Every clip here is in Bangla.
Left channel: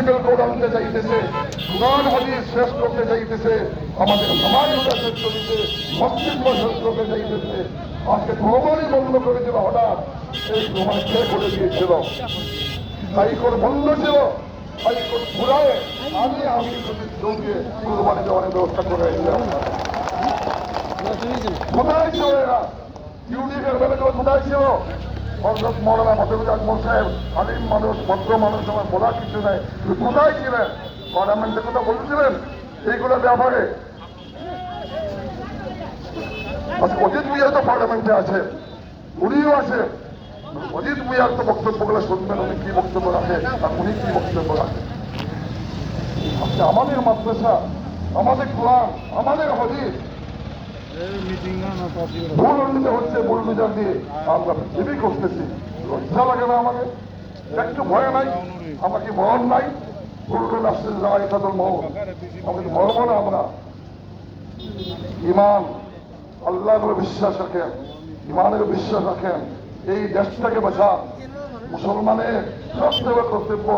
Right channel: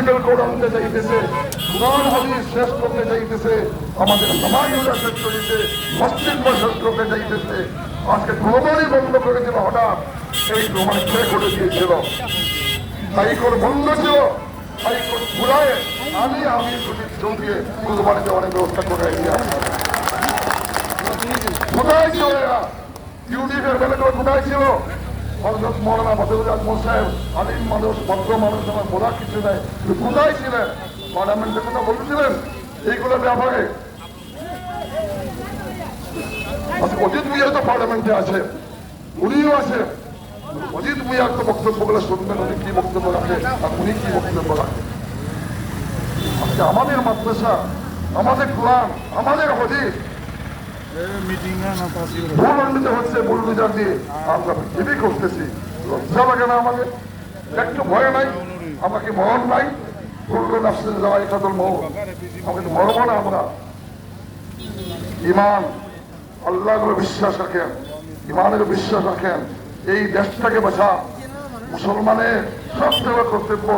প্রিন্সিপাল কোড আনতে চাইতেছে, কোরআন হাদিস শেষ করতে চাইতেছে, আমাদের সমাজটা শেষ করেছে, মসজিদ শেষ করতে চাইতেছে। আজকে প্রমাণই বন্ধ করে দিল হঠাৎ। এই প্রমাণ কে করে দিয়েছিল? হাইকোর্ট বন্ধ ছিল, হাইকোর্ট ঘুরায় আমি চৌধুরী কুরবানি দেওয়ার ব্যবস্থা করে কোথায় ছিল এরা? ইউনিটের বেলাগুলো কোথায় ছিল? হযরত মৌলানা বদরুল আজম সাহেব আলিম মানুষ, ভদ্র মানুষ, আমার বলার কিছু নেই, কোথায় ছিলেন? পার্লামেন্টে কথা বলছিলেন এইগুলো ব্যাপারে? অজিত মিয়া তো পার্লামেন্টে আছে, উনিও আছে। অজিত মিয়ার তো বক্তব্যগুলো শুনবেন, উনি কি বক্তব্য রাখে আর উনি কি বক্তব্য রাখে। আজকে আমাদের মাদ্রাসা, আমাদের কোরআন, আমাদের হাদিস ভুল উন্নীত হচ্ছে, ভুল বিচার দিয়ে আমরা পৃথিবী করতেছি। লজ্জা লাগে না আমাদের? একটু ভয় নাই? আমাকে ভয় নাই? ভুলবেন আসলে যারা এটা তো আমাকে তো মরবো না আমরা। ইমান, আল্লাহর বিশ্বাস রাখেন, ইমানের বিশ্বাস রাখেন, এই দেশটাকে বাঁচা। মুসলমানের সবচেয়ে বড় কর্তব্য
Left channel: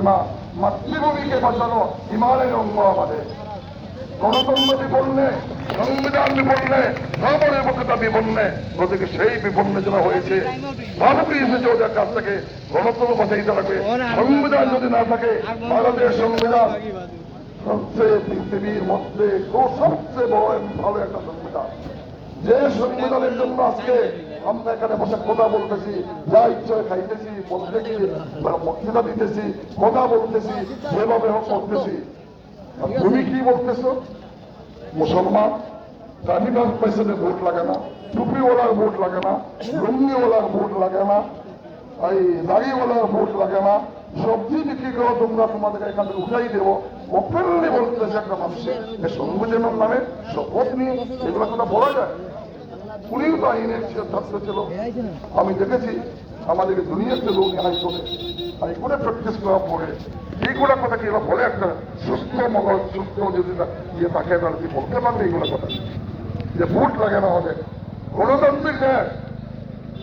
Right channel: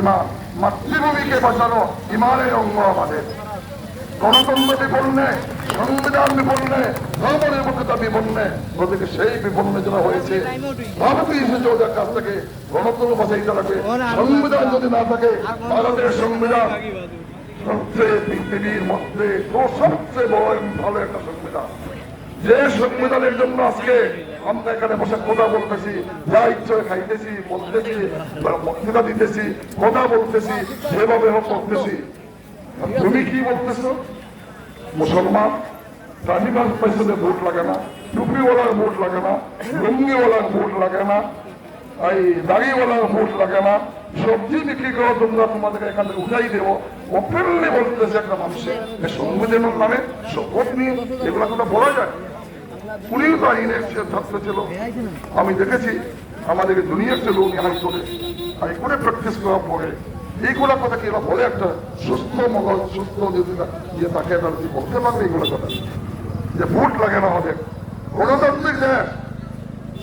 ইমান, মাতৃভূমিকে বাঁচানো ইমানের অঙ্গ আমাদের। গণতন্ত্র বিপন্নে, সংবিধান বিপন্নে, ধর্মনিরপেক্ষতা বিপন্নে, ওদেরকে সেই বিপন্ন যারা হয়েছে ভারতে এসেছে ওদের কাছ থেকে গণতন্ত্র বাঁচাইতে লাগে। সংবিধান যদি না থাকে, ভারতের সংবিধান সবচেয়ে পৃথিবীর মধ্যে সবচেয়ে বড় ভালো একটা সংবিধান। যে সংবিধানের জন্য আজকে আমরা এখানে বসে কথা বলতেছি, যা ইচ্ছা খাইতেছি, বলতেছি, বক্তৃতা দিতেছি, কথা বলতেছি, যেভাবে করতেছি। তুমি কি বলতেছ? মুসলমান রাজিবাস পয়সাতে ভোট লাগে না, টুপিওয়ালার ভোট লাগে না, লুঙ্গিওয়ালার ভোট লাগে না, এই দাড়িওয়ালার ভোট লাগে না, সবজি বিক্রি করে তোমরা তোমাদেরকে এখান থেকে উঠাই দেবো। ওপেনলি বলতেছে একটা মানুষের সংবিধানের নামে শপথ নিয়ে, এগুলো কথা বলা যায়? উনিও তো আইনের ছাত্র ছিল, আমি দেখেছি। আমাদের দুনিয়াতে লোক হাইকোর্টে প্র্যাকটিস করার পরে এইগুলো কথা কি বলে একটা সুস্থ মগজ, সুস্থ যদি ইয়ে তাকে বলতে পারবে এইগুলো কথা যে ভোট লাগে না আমাদের। গণতান্ত্রিক দেশ,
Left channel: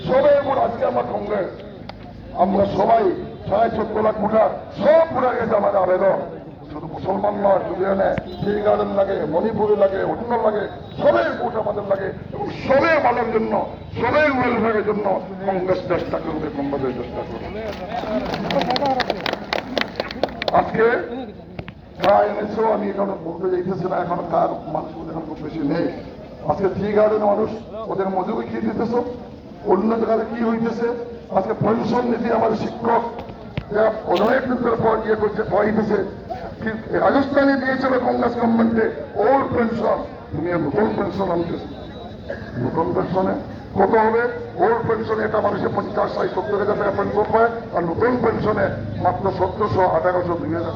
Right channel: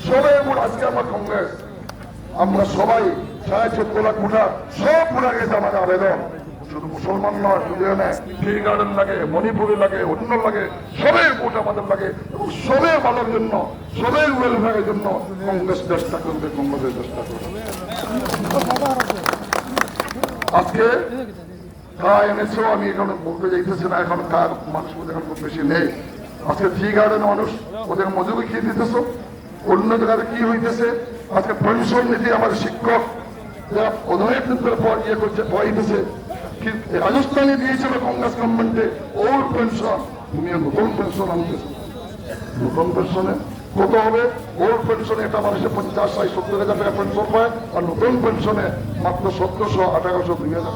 সবাই ভোট। আজকে আমরা কংগ্রেস, আমরা সবাই ৭৭ লাখ ভোটার, সব ভোটার গেছে আমাদের আবেদন। শুধু মুসলমান নয়, শুধু টি গার্ডেন লাগে, মণিপুরে লাগে, অন্য লাগে, সবাই ভোট আমাদের লাগে। সবাই ভালোর জন্য, সবাই ওয়েলফেয়ারের জন্য কংগ্রেস চেষ্টা করবে, কংগ্রেসের চেষ্টা করবে। আজকে কারা এনেছো আমি এখানে বলতে যাইতেছি না, এখন কার মানুষ এখন খুব বেশি নেই। আজকে টি গার্ডেন মানুষ, ওদের মজুরি কি দিতেছ? অন্য জায়গায় কি হইতেছে? আজকে পেনশন নীতি আমাদের শিক্ষক অনেক পর ইয়ে করছে, হইতেছে। রাজস্থানে দিয়েছিল কংগ্রেস গভর্নমেন্টে ওল্ড পেনশন, তুমি নতুন পেনশন আনতেছে। নতুন পেনশনে কত হবে? ওল্ড পেনশনে একটা মানুষের 50, 60, 70 হাজার টাকা পেনশন পায়, আর নতুন পেনশনে মাত্র 1700, 1800, 2000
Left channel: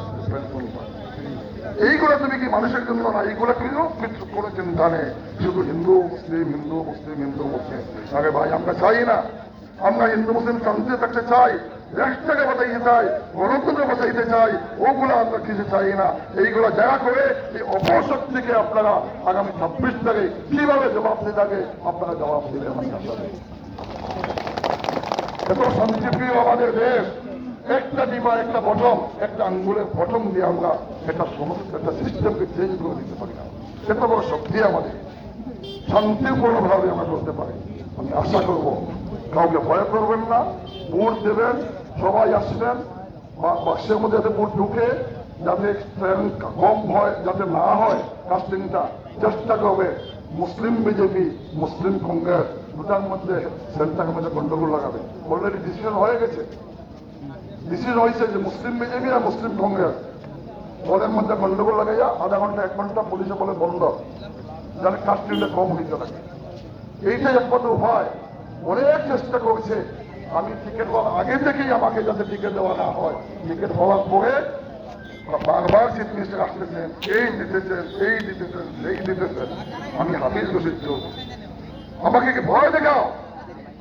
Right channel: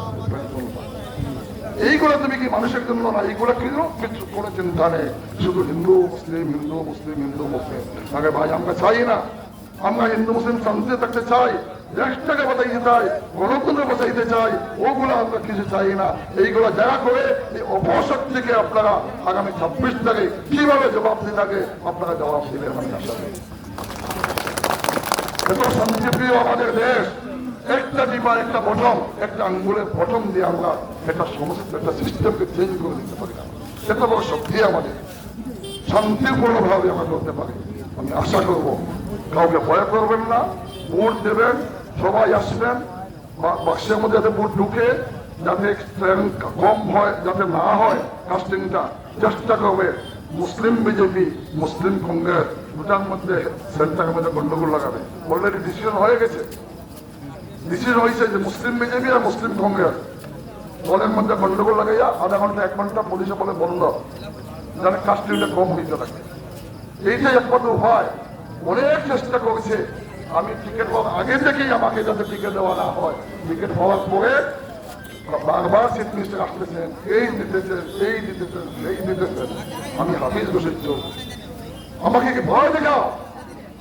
পেনশন। এইগুলো তুমি কি মানুষের জন্য না? এইগুলো কিন্তু কিছু কোনো চিন্তা নেই, শুধু হিন্দু মুসলিম, হিন্দু মুসলিম, হিন্দু মুসলিম। আগে ভাই আমরা চাই না, আমরা হিন্দু মুসলিম শান্তিতে থাকতে চাই, দেশটাকে বাঁচাইতে চাই, গণতন্ত্র বাঁচাইতে চাই, ওগুলো আমরা কিছু চাই না। এইগুলো যারা করে এই অপশক্তিকে আপনারা আগামী 26 তারিখ কিভাবে জবাব দিতে থাকে আপনারা জবাব দিবেন। এত শান্তিপ্রিয় আমাদের দেশ, একটা ডিবা, একটা বটম, একটা আঙ্গুলের বটম দিয়ে আমরা একটা সমস্ত একটা সিস্টেমকে চেঞ্জ করে দিতে পারি। এত বড় শক্তি আমাদের, শান্তিপূর্ণভাবে আমরা করতে পারি। আমি আশা করবো কাউকে ভয় করবেন না, ভোট দেবেন, সবাই আসবেন, বাক্সের মধ্যে যাতে ভোট ঢুকে, যাতে কম হয়, যাতে না হয় কাস্টিংটা চেষ্টা করবে। মুসলিম বিজেপি, মুসলিম কংগ্রেস দুটার মধ্যে সেন্টারের মধ্যে গন্ডগোল লাগাবে। অলরেডি ডিসিশন হয়ে গেছে, ডিসিশন হয়েছে যে মুসলিম বিজেপি আর মুসলিম কংগ্রেস ওদের মধ্যে গন্ডগোল লাগাইয়া আধা ঘন্টা 1 ঘন্টা পুলিশে বলে বন্ধ, যেন কাস্টিংটা কম হইতে থাকে। এইটাই একমাত্র হয়। অনেক চেষ্টা করছে, আমি টিকিট আগে থেকেই আমাকে যাতে টিকিট দেওয়া না হয়, টিকিট হওয়ার পরে বারবার চিফ মিনিস্টার আসতেছেন, এই দিতেছেন, এই দিতেছেন, এই দিতেছেন। আমি হাফিজ বসে চলছি, আমাকে কি ভয় দেখাও?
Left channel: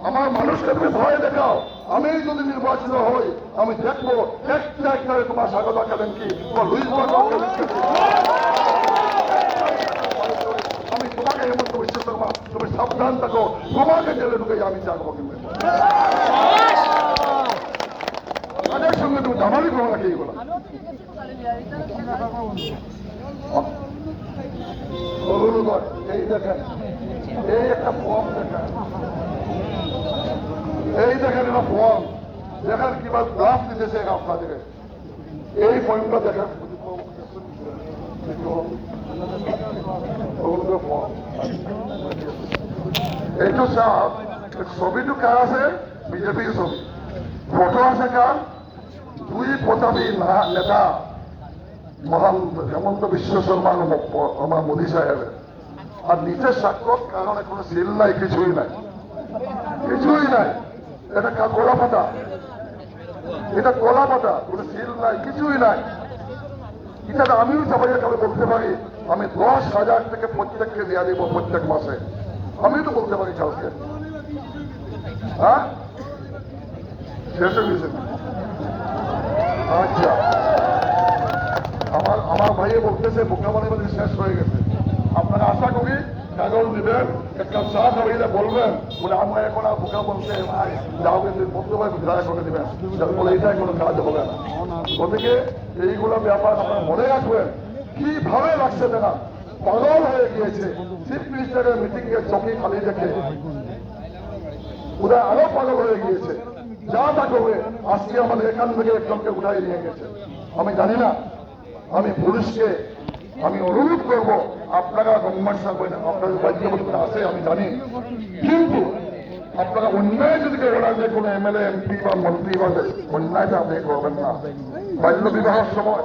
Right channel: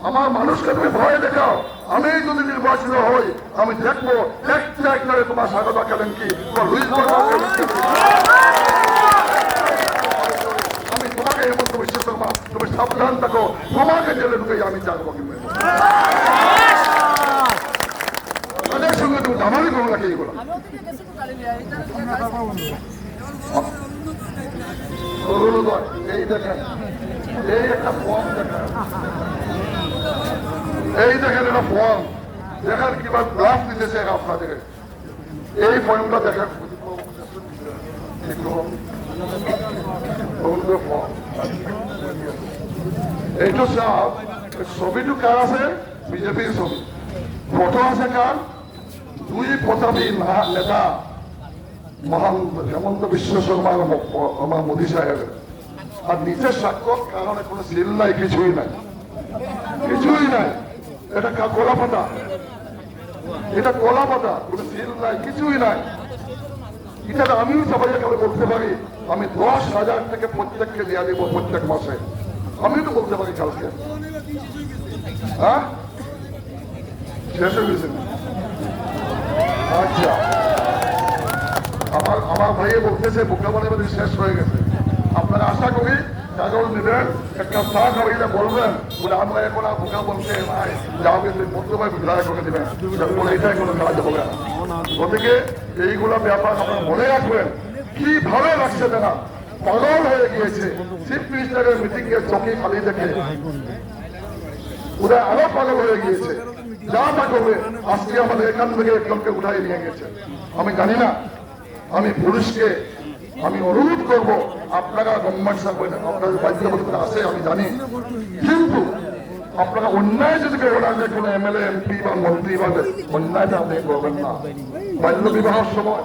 আমার মানুষকে তুমি ভয় দেখাও। আমি যদি নির্বাচিত হই, আমি দেখবো একটা তোমার স্বাগতা করেন কি আমি তোমাকে এমন বিশ্বাস করবো, তুমি সাবধান থাকো, তোমাকে জেলে ঢুকে আমি জানবো তাদের সঙ্গে তুমি জানারই কোনো নাকি এইগুলো এই দেখেন এই একটা ফর্ম দেখেন এই দেখেন একটা ফর্ম দেখেন কিভাবে গ্রাফ দিতেছে আপনাদের এই ফর্মটা দেখেন এইটো চাওক ছবিটো কার আছে বিজেপিৰ ছবি ফটো আছে কার দুই প্রতাপী নেতা মহান হেমন্ত বিশ্ব শর্মা আমার মোদী সাহেব আর নিচের স্বাক্ষর কারণে কোনো সিল নাই কিছুই নাই এটা কলা পাতা কোনো সিল নাই কিছুই নাই এটা আমিও সবাই কালে বলতে পারি আমি 10,000 থেকে প্রত্যেককে দেওয়া দেবো প্রত্যেক মাসে আমি তো বলতে পারি কালকে হ্যাঁ শেষ হয়ে গেছে আচ্ছা আমার ভাইয়ে বলতেছে বোকা বানাবে শেষ হয়ে গেছে আপনারা আশা করি কাগজ নেবেন একটা চা খাওয়াইলে বলবেন বলে আমরা এখন আর বোকা বলতে যাবে মধ্যভাবে বিদায় করে দেবেন এইটাই কোনো কাজ হবে না গতিকে এইগুলো ব্যাপার আপনারা মনে রাখবেন কি ভালো লাগছে না পাগল হয়ে গিয়েছে চিফ মিনিস্টারের মিটিং এর চকি খালি দেখে ওরা আরো পাগল হয়ে গিয়েছে যা তা করবে আজকে আমাদের এখান থেকে একজনকে উঠাই নিয়ে গেছে আমি জানি না আমি পুলিশকে আমি অনুরোধ করবো আপনারা গভর্নমেন্ট সার্ভেন্ট আপনাদের বাধ্যবাধকতা আছে আমি জানি কিন্তু আপনারা অন্যায় যদি ওরা যে কোনো এমএলএ এমপি বা মন্ত্রী বা অন্যায়টা আপনি করবেন না বাল্য বিবাহের সময়